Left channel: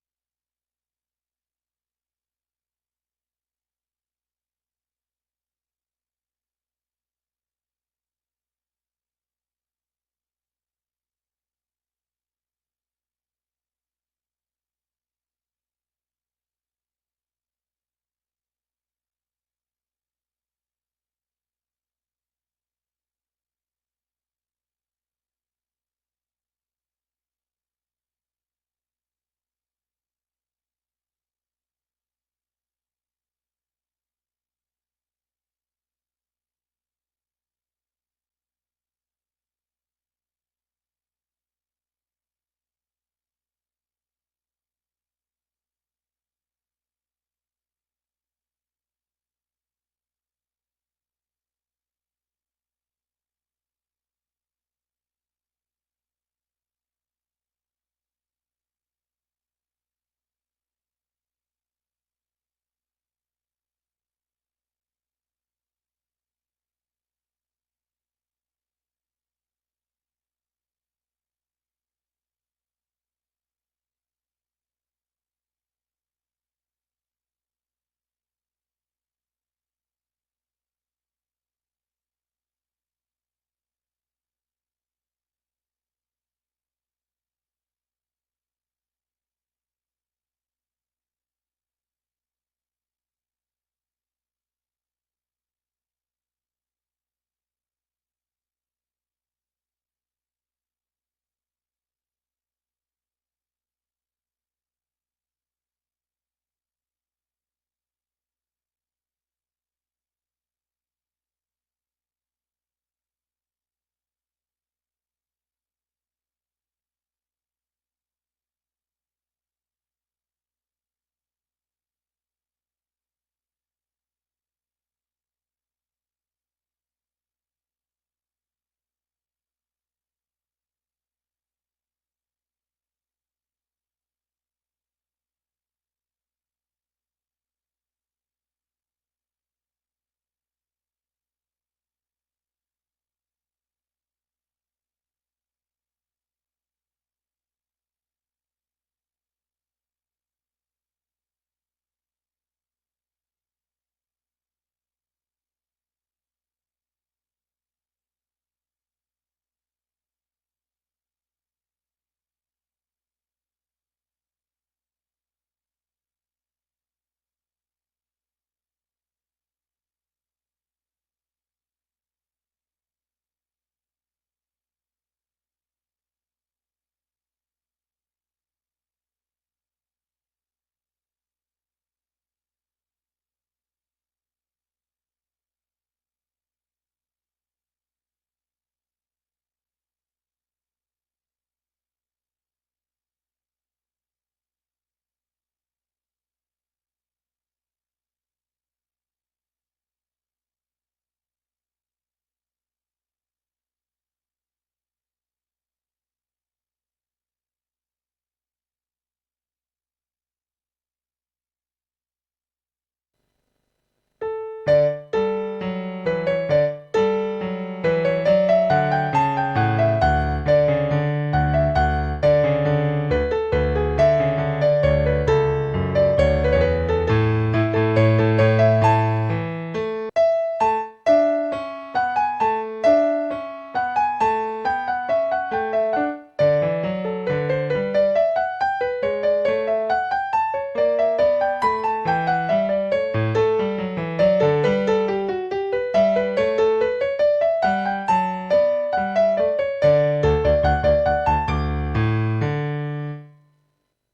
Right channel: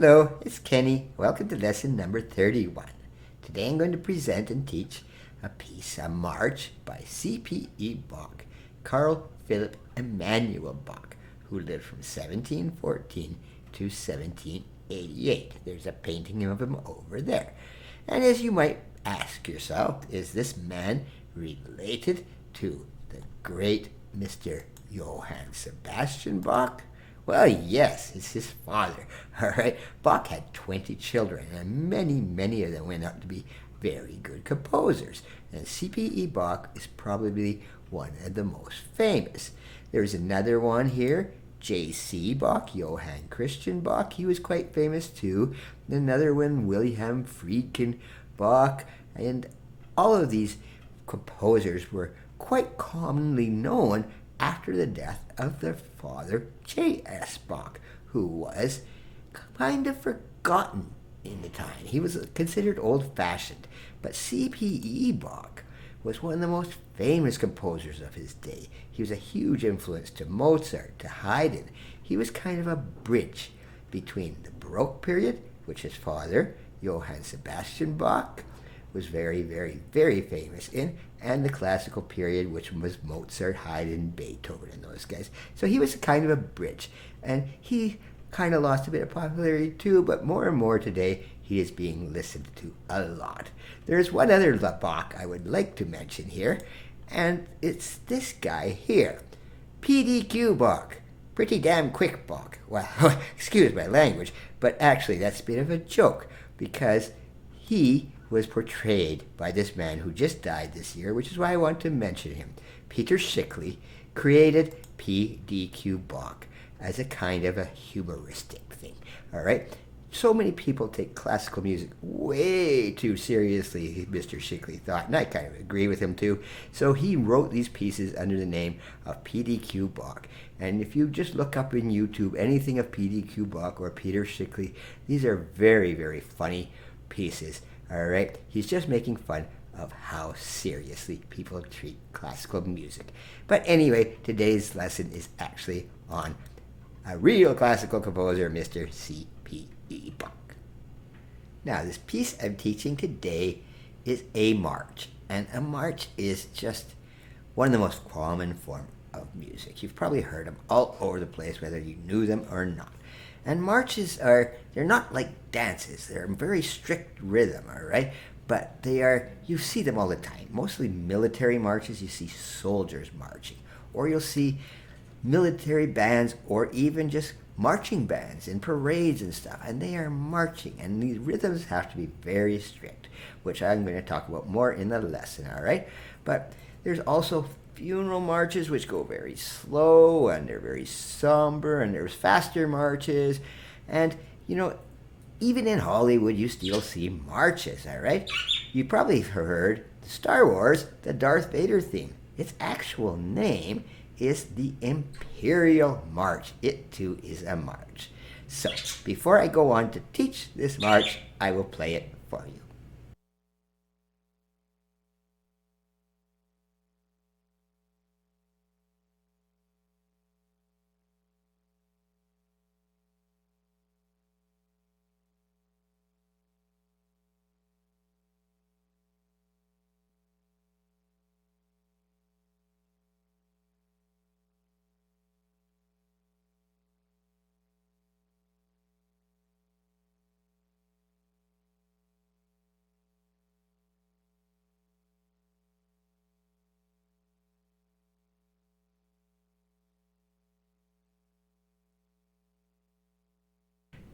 Hello, it's Kenny. Welcome to lesson number 31. Today I'm going to present and teach a piece, a march by C.P.E. Bach, Carl Philip Emanuel Bach, who lived from 1714 to 1788. There's a painting of him over there. And as you might ask yourself, is this man related to the great Mr. Johann Sebastian Bach? Well, yes, it's his father. All right, Bach had 20 children, and many of them went out to be very good composers. And C.P.E. Bach is probably one of the most famous. There's another one here, J.C. Bach, Johann Christian Bach. He was quite famous too. Another one, Wilhelm Friedkin Bach. And all of these composers were quite commonly known after the death of their father, J.S. Bach, who was kind of forgotten in the time. He was considered old-fashioned, but C.P.E. Bach was one of the most famous composers of his day. He was a huge influence to Mozart, to Haydn. He was kind of a bridge between the Baroque period, which his father, Johann Sebastian Bach, was very famous in, and the classical period, which was Mozart, Haydn, Beethoven, and those guys. So he was kind of a bridge, and he kind of lost a bit of popularity too, but more and more today, he is being listened to a lot. There's one other Bach I would like to mention here, and it's this guy here, PDQ Bach. Pretty damn quick Bach. Well, excuse my language, but actually that's a bit of a joke, because he was portrayed by this man who just died this year, which is why I want to mention him. Peter Schickli created PDQ Bach as a kind of a humoristic thing, all right? So many people take classical music way too seriously, Mr. Schickli thought, and I kind of agree with him too. So he wrote these pieces under the name of PDQ Bach. And if you just look up in YouTube anything of PDQ Bach or Peter Schickli, these are very funny pieces. All right, he's just making fun of how seriously people treat classical music. But anyway, today's lesson is actually on a real classical composer, Mr. C.P.E. Bach. Now, this piece I'm teaching today is a march, and a march is just one of the most common forms of music. You've probably heard them all over the place, whether you knew them or not. And marches they're not like dances. They're a very strict rhythm, all right? But you see them all the time. Mostly military marches, you see soldiers marching. Or you'll see military bands or even just marching bands in parades and stuff. And they are marching. And these rhythms have to be very strict, which I'm going to talk about more in the lesson, all right? But there's also funeral marches, which go very slow, and they're very somber, and there's faster marches. And, even in Hollywood, you still see marches, all right? You probably heard Star Wars, the Darth Vader theme. Its actual name is the Imperial March. It, too, is a march. So, before I go on to teach this march, I will play it for you.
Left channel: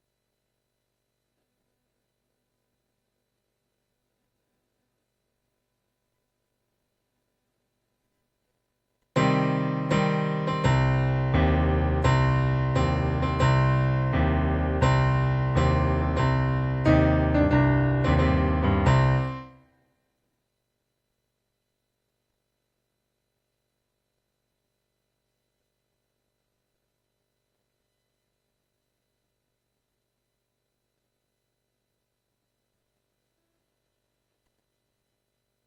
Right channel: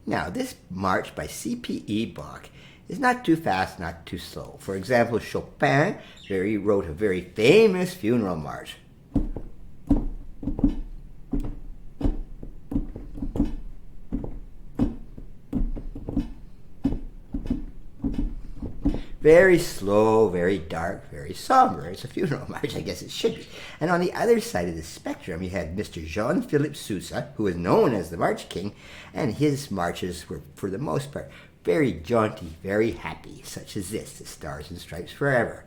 Now, this march by C.P.E. Bach is not too fast, not too slow. For example, Chopin wrote a very famous funeral march. Very slow, very dark, very somber. It's a funeral march, I guess it should be. And on the other side of the spectrum, you had Mr. Jean-Philippe Sousa, who is known as the March King, and his marches were, for the most part, very jaunty, very happy, such as this, the Stars and Stripes Forever.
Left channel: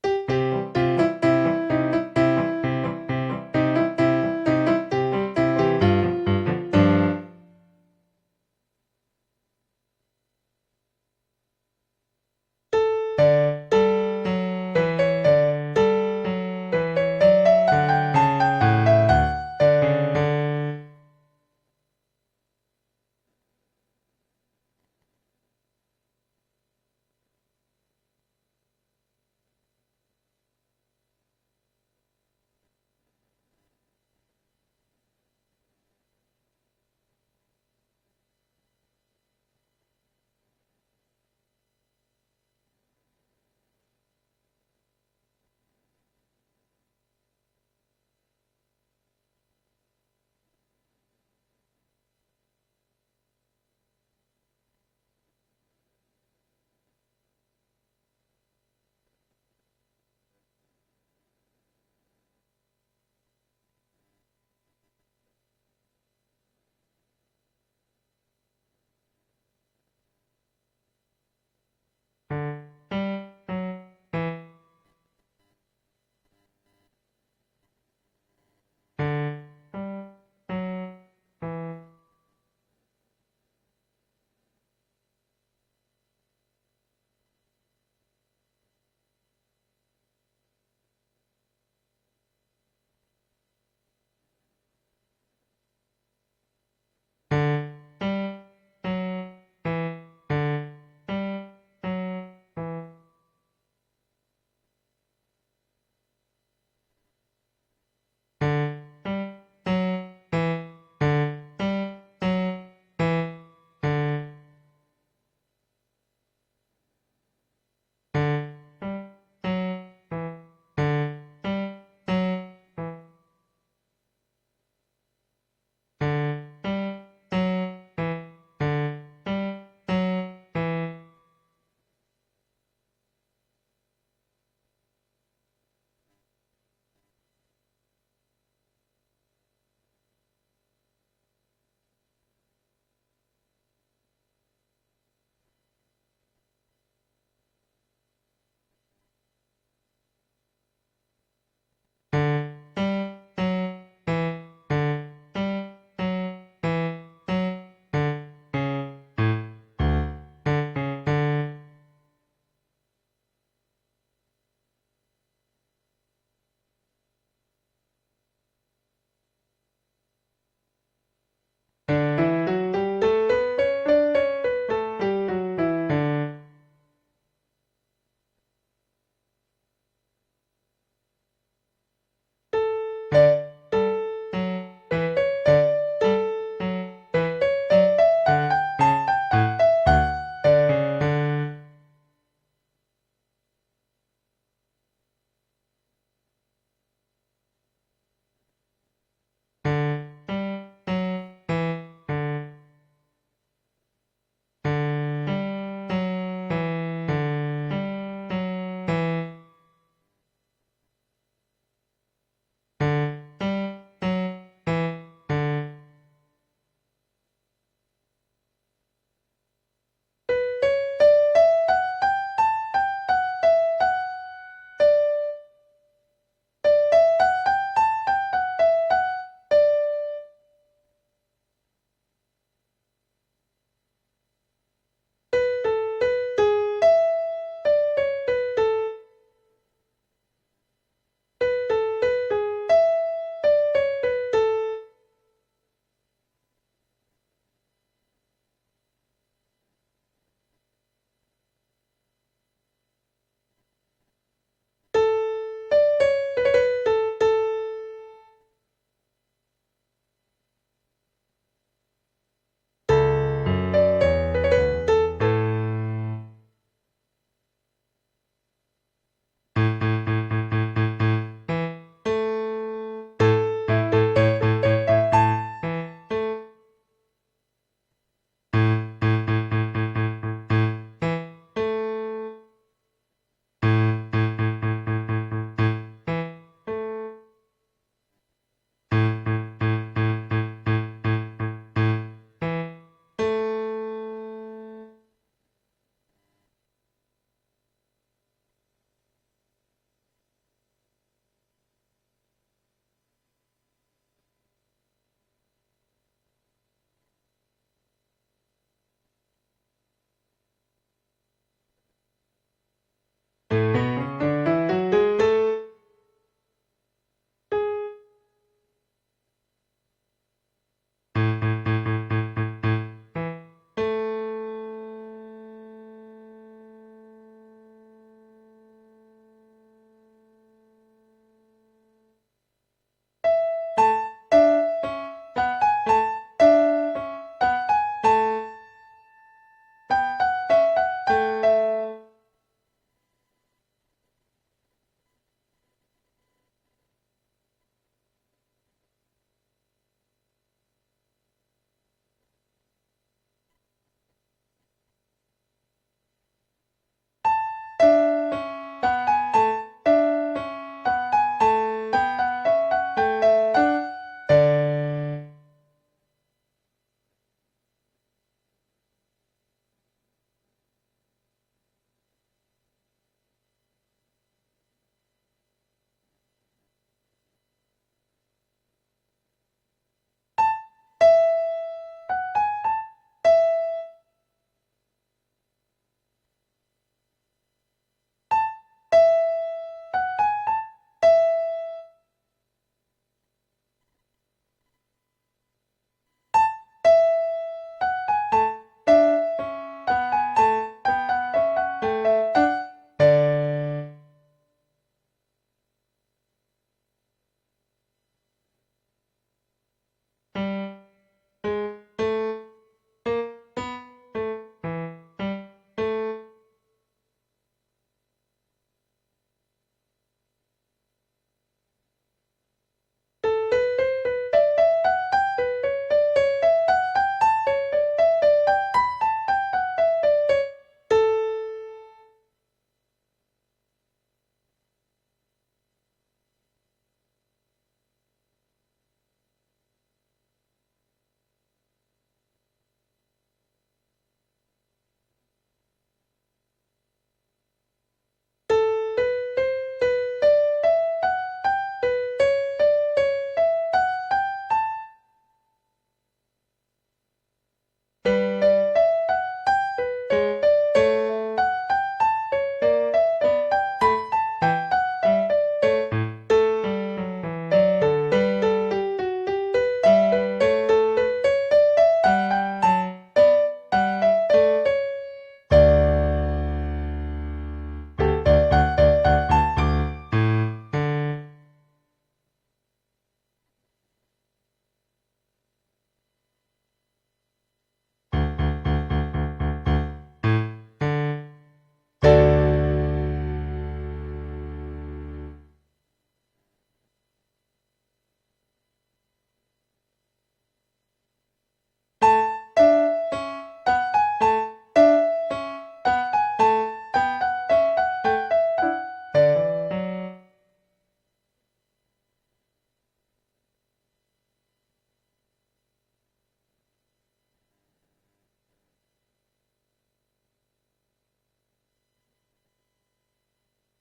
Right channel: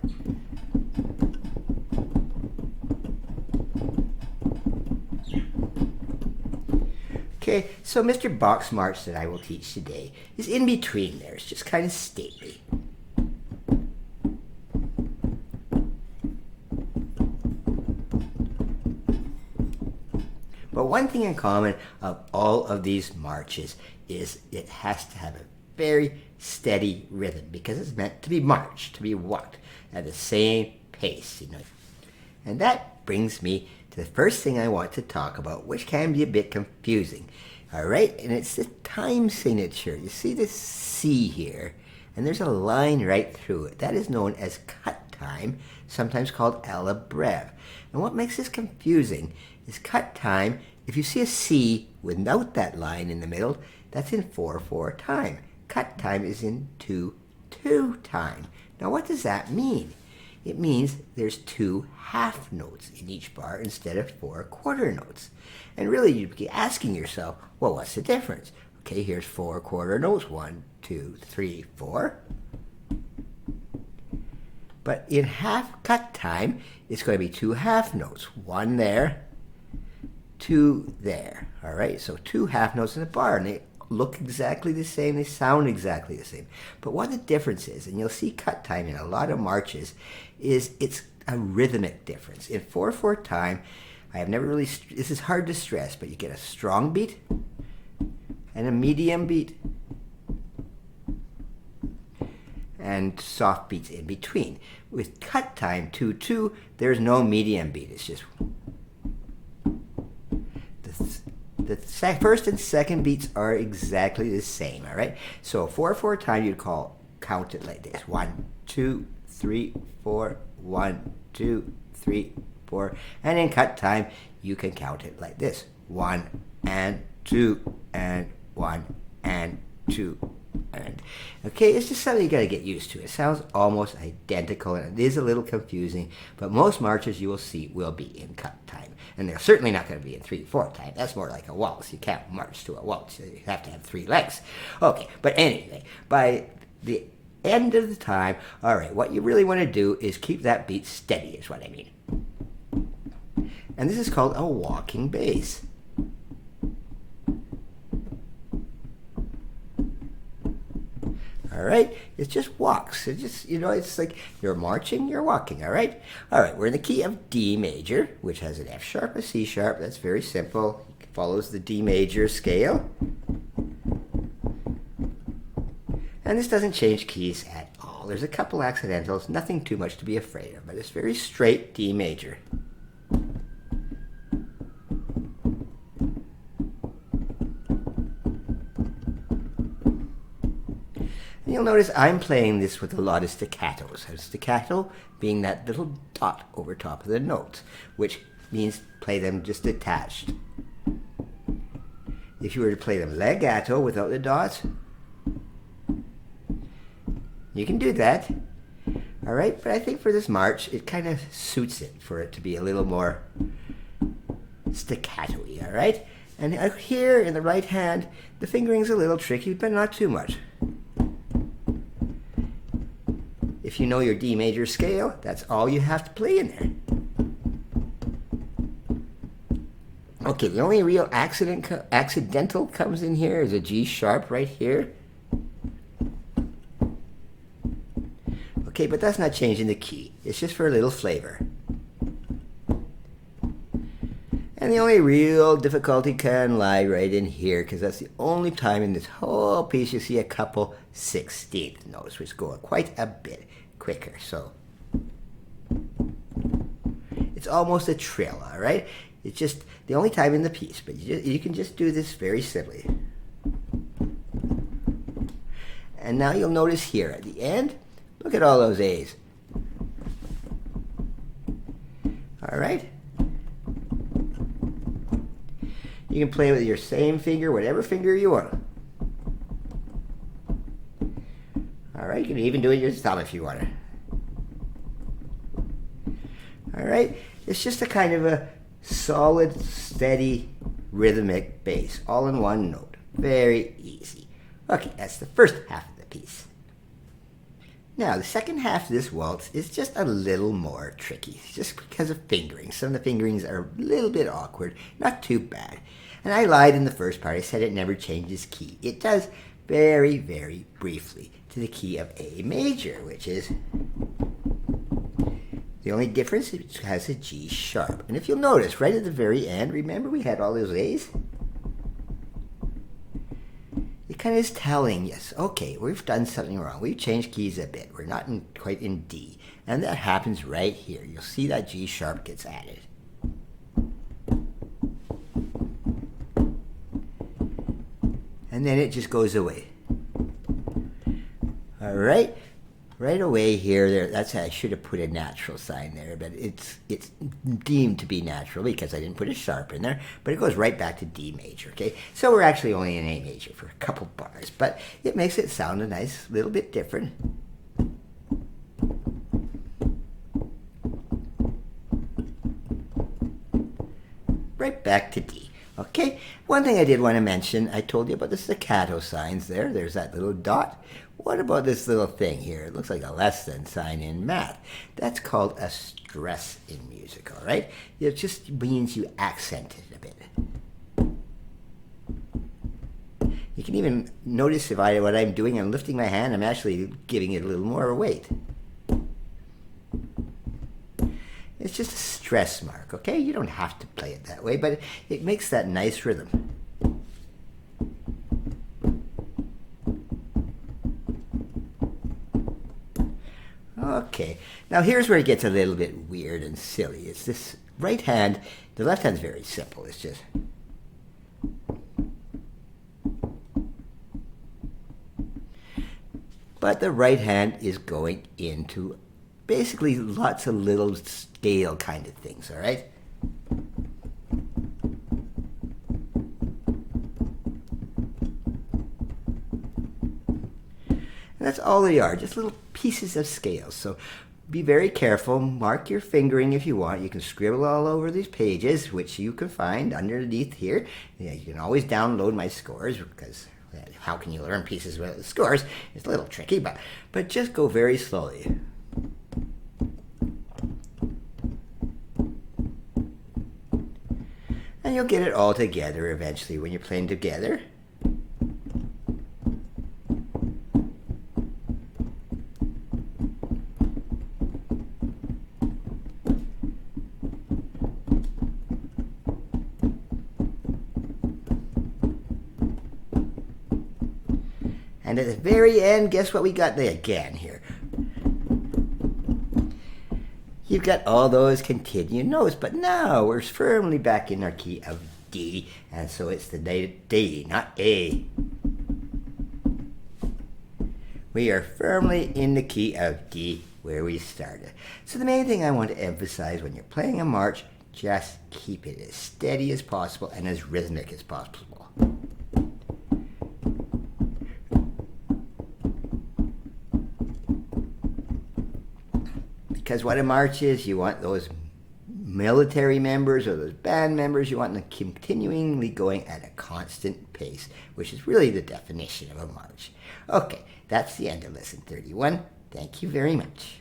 Okay, So Mr. Bach's march that I will teach today is in between there. It's just kind of stately. But one thing in common of all of these marches is it has to have a very steady rhythm because it's meant to be marched, to be walked at the same pace, And that brings me to the first thing I want to talk about, which can be a bit confusing. All right, and it's the time signature. You see this C here, and there's a line right through it. That is known as cut time, sometimes called alla breve. And what makes this confusing is cut time, if you see a C without that line in the middle, that's in 4/4 time. Cut time is in 2/2 time. Now what does that mean? It means there's 2 half notes in each bar instead of 4 quarter notes. And really you'd be asking yourself, well, what's the difference? Okay, here's 4 quarter notes, 1, 2, 3, 4. But in half cut time, it's going to be 2 half notes, 1 there, 2 there. All right, so 2 half notes in a bar, and they look exactly the same, they sound exactly the same. But what the difference is, and you'll see cut time in a lot of marches, is it's a rhythmic difference. In 4/4 time, I have never really, this is hard to stress, but you get a strong beat and a medium beat and soft beats in between. With cut time 2/2, there's no medium beat. It's just the first and second beats are exactly the same. All right. So 4/4 time, you'd count it like this: 1, 2, 3, 4. 1, 2, 3, 4. And in cut time, you can count it like this: 1 and 2 and 1 and 2 and. Okay, it's just something you got to get used to. It sounds almost identical, and it is a little confusing, but most marches you will see will be in cut time. And they're certainly not going to be in 3/4 time. That's more like a waltz. You can't march to a waltz. You have to have 3 legs. Okay, but anyway, by the end of the time, all right, what you really want to do is keep that beat steady, is what I mean. And this is called a walking bass. All right, it just walks. It just, it's like you're marching, you're walking, all right? All right, we're in the key of D major, which has an F sharp, a C sharp. That's very simple. It follows the D major scale. And this doesn't change keys at all. There's a couple accidentals, nothing too much to be afraid of, but it's very straight D major. You'll notice I'm playing this with a lot of staccatos. A staccato being that little dot over top of the notes, which means play them just detached. If you were to play them legato without the dots, you can do that, all right? But I think for this march, it kind of suits it for it to be a little more staccato, all right? And here in the right hand, the fingering's a little tricky, but not too much. If you know your D major scale, that's all you have to play in there. Okay, the only real accidental comes in here is a G sharp right here. Okay, but that's not changing the key. It's just for a little flavor. And the only real difficulty can lie right in here, because that's the only time in this whole piece you see a couple 16th notes, which go quite a bit quicker. So it's almost a trill, all right? It's just the only time in the piece, but you can just do this very simply. And now you'll notice here at the end, look at all those A's. All right? You can play with your same finger, whatever finger you want. All right, you can even do it with your thumb if you want to. All right? It's just a kind of a solid, steady, rhythmic bass, all in one note. Very easy. Okay, that's the first half of the piece. Now, the second half of this waltz is just a little more tricky, just because of fingering. Some of the fingerings are a little bit awkward, not too bad. And I lied in the first part. I said it never changes key. It does very, very briefly to the key of A major, which is the only difference. It has a G sharp. And if you'll notice, right at the very end, remember we had all those A's? It kind of is telling us, okay, we've done something wrong. We've changed keys a bit. We're not quite in D. And that happens right here. You'll see that G sharp gets added. And then it just goes away. All right? Right away here, that's I should have put a natural sign there, but it's deemed to be natural because I didn't put a sharp in there, but it goes right back to D major, okay? So we're actually only in A major for a couple bars, but it makes it sound a nice little bit different. Right back to D, okay? One thing I did want to mention, I told you about the staccato signs there. There's that little dot. What about this little thing here? It looks like a less than sign in math. That's called a stress in music, all right? It just means you accent it a bit. You can even notice if what I'm doing, I'm lifting my hand, I'm actually giving it a little more weight. It's just a stress mark, okay? You don't have to play it that way, but it makes that nice rhythm. Okay, now here's where it gets a little bit weird and silly. It's this right hand. The left hand's very simple. It's just... But the right hand is going into basically lots of little scale kind of things, all right? That's all they are, just little pieces of scales. So be very careful. Mark your fingering if you want. You can scribble all over these pages, which you can find underneath here. Yeah, you can always download my scores because how can you learn pieces without the scores? It's a little tricky, but just go very slowly. And you'll get it all together eventually when you're playing together. And at the very end, guess what we got there again here? You've got all those continued notes, but now we're firmly back in our key of D, and so it's the D, not A. We are firmly in the key of D where we started. So the main thing I want to emphasize when you're playing a march, just keep it as steady as possible and as rhythmic as possible. Because what a march is, you want those military members or those band members, you want them continually going at a constant pace, which is really the definition of a march. Okay, that's the end of lesson 31. Thank you very much.